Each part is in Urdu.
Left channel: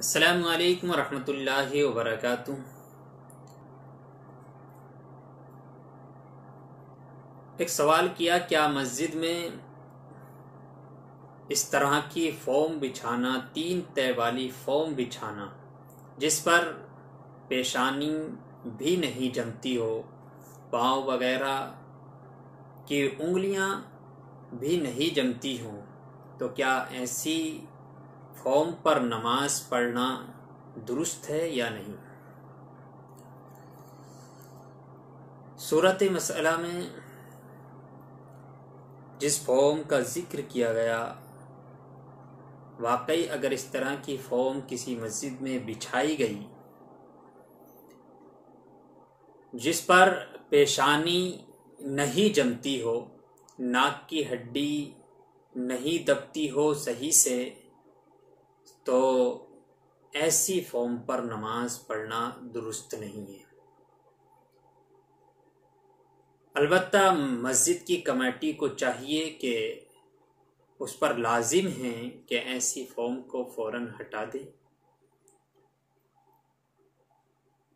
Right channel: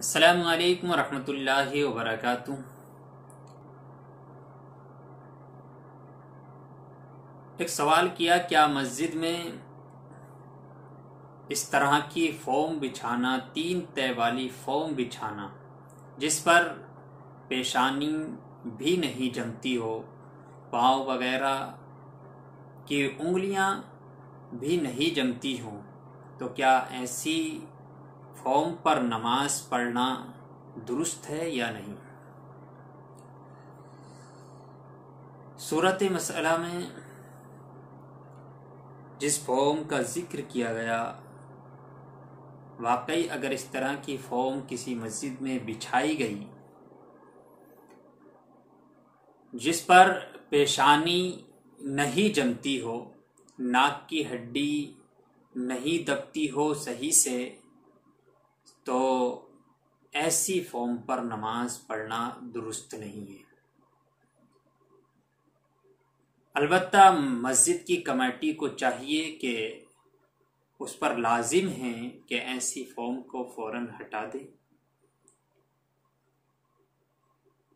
السلام علیکم ورحمۃ اللہ وبرکاتہ۔ ایک سوال کیا، کیا مسجد میں اس طرح کی فوم بچھانا، 3 تہہ والی فوم بچھانا جس پر پیشانی بھی نہیں جمتی ہو، پاؤں وغیرہ کی انگلیاں بھی نہیں جمتی ہوں، تو کیا ایسی فوم پر نماز پڑھنا درست ہے یا نہیں؟ صورت مسئلہ میں جس فوم کا ذکر کیا گیا، واقعی اگر اس طرح کی فوم کسی مسجد میں بچھائی گئی جس پر پیشانی نہیں جمتی ہو، ناک کی ہڈی نہیں دبتی ہو صحیح سے، تو ایسی فوم پر نماز پڑھنا درست نہیں ہے۔ البتہ مسجد کی کمیٹی کو چاہیے کہ اس پر لازم ہے کہ ایسی فوم کو فوراً ہٹا دے۔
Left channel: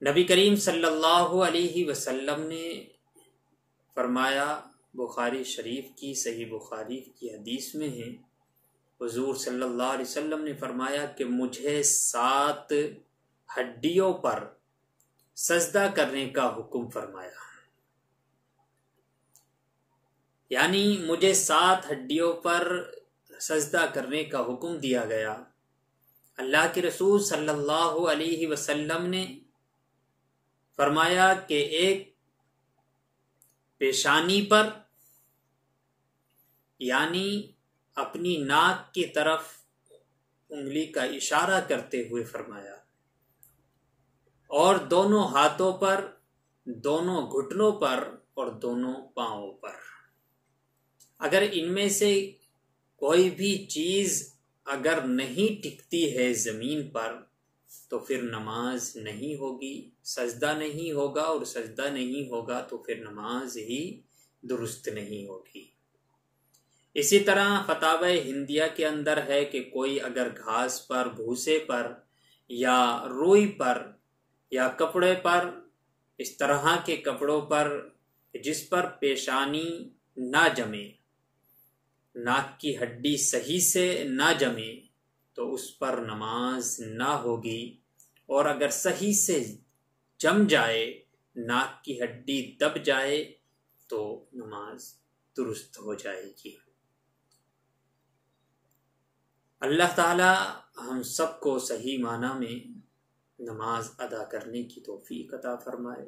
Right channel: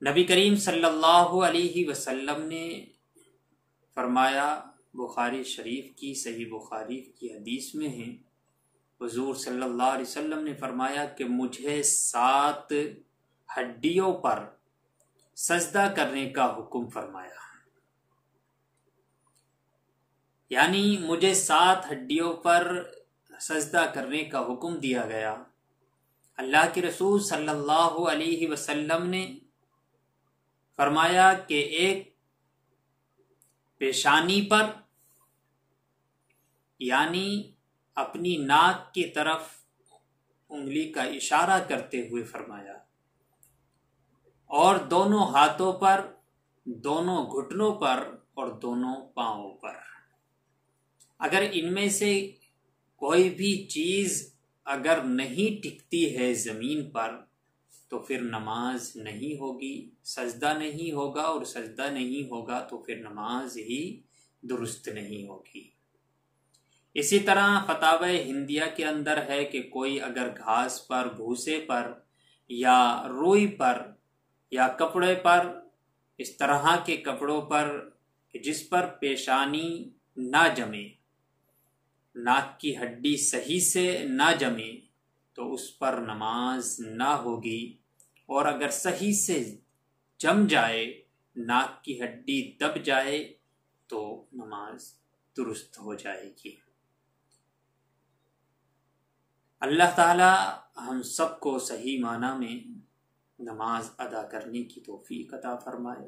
نبی کریم صلی اللہ علیہ وسلم نے فرمایا، بخاری شریف کی صحیح بخاری کی حدیث میں ہے، حضور صلی اللہ علیہ وسلم نے فرمایا کہ مجھے 7 ہڈیوں پر سجدہ کرنے کا حکم فرمایا، یعنی مجھے 7 ہڈیوں پر سجدہ کرنے کا حکم دیا گیا۔ اللہ کے رسول صلی اللہ علیہ وسلم نے فرمایا کہ ایک پیشانی پر، یعنی اپنی ناک کی طرف انگلی کا اشارہ کرتے ہوئے فرمایا، اور دونوں ہاتھوں پر، دونوں گھٹنوں پر اور دونوں پاؤں پر۔ اگر ان میں سے کوئی بھی چیز اگر نہیں ٹکتی ہے زمین پر تو پھر نماز نہیں ہوگی، سجدہ نہیں ہوگا، اور سجدہ نہیں ہوگا تو پھر نماز ہی درست نہیں ہوگی۔ اسی طرح فتاوی ہندیہ کے اندر ہے کہ کوئی اگر گھاس پر، بھوسے پر یا روئی پر یا کپڑے پر، اس طرح کے کپڑوں پر جس پر پیشانی نہ جمے، ناک کی ہڈی صحیح سے نہ جمے، تو اس پر نماز نہ ہوگی، اور اگر صحیح سے جم جائے، ناک کی ہڈی دب جائے، تو نماز درست ہو جائے گی۔ اللہ تعالی ہم سب کو صحیح معنی میں نماز ادا کرنے کی توفیق عطا فرمائے۔